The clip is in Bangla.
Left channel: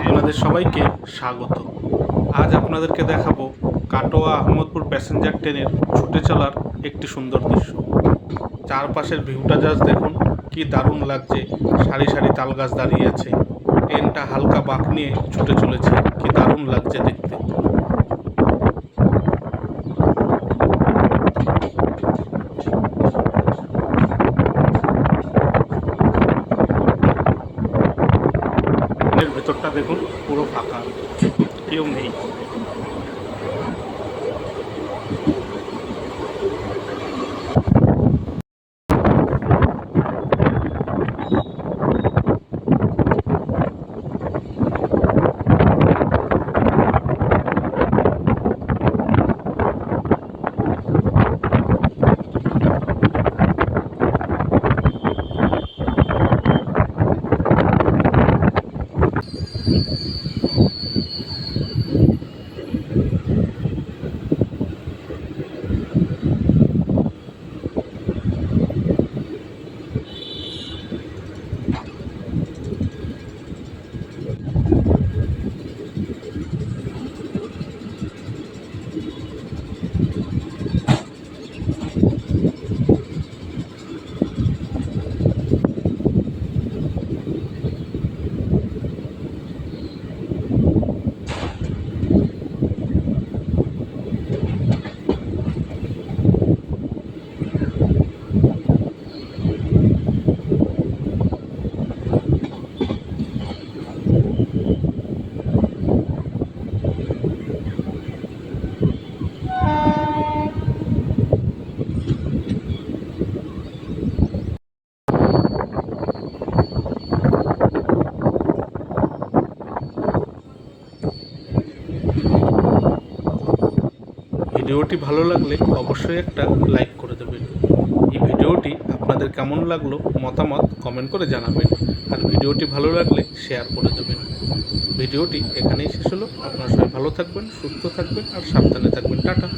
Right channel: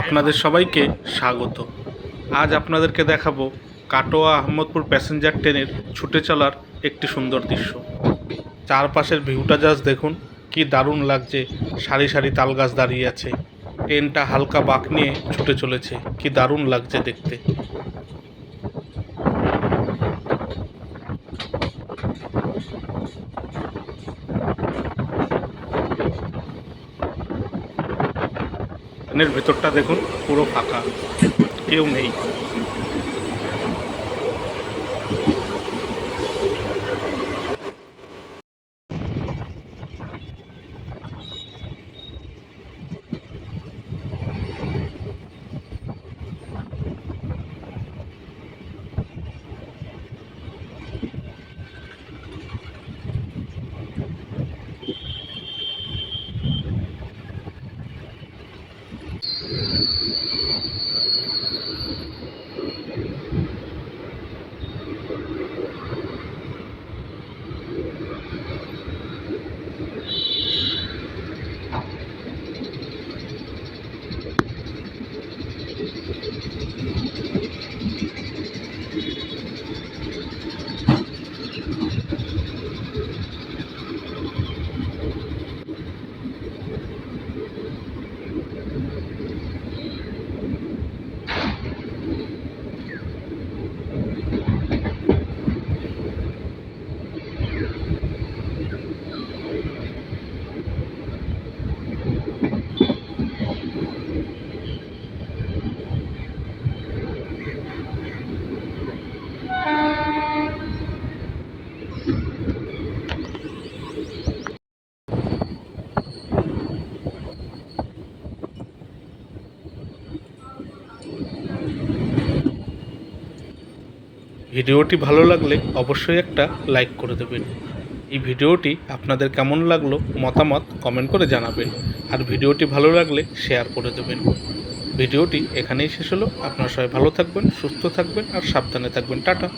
আপনাদের সবাইকে স্বাগত। আজ আপনাদেরকে দেখাবো কাটোয়া আহমদপুর প্যাসেঞ্জার ট্রেনের ছুটে চলার একটি সুন্দর দৃশ্য। চারপাশের ভিউটা জাস্ট দেখুন, কি দারুণ লাগছে, সারি সারি তাল গাছ দাঁড়িয়ে আছে। ট্রেনটা হালকা বাঁক নিয়ে ছুটে চলেছে, কি দারুণ লাগছে দেখতে। ট্রেনের ভেতরটা দেখুন পুরো ফাঁকা কেউ নেই। ভিডিওটি ভালো লাগলে অবশ্যই একটা লাইক করে দেবেন। এই ভিডিওটি আপনাদের কেমন লাগল মতামত কমেন্ট করে জানাবেন। আর ভিডিওটি ভালো লাগলে শেয়ার করে দেবেন। ভিডিওটি এখানেই শেষ হলো। আপনারা সবাই ভালো থাকবেন, সুস্থ থাকবেন, আর সাবধানে থাকবেন। টাটা।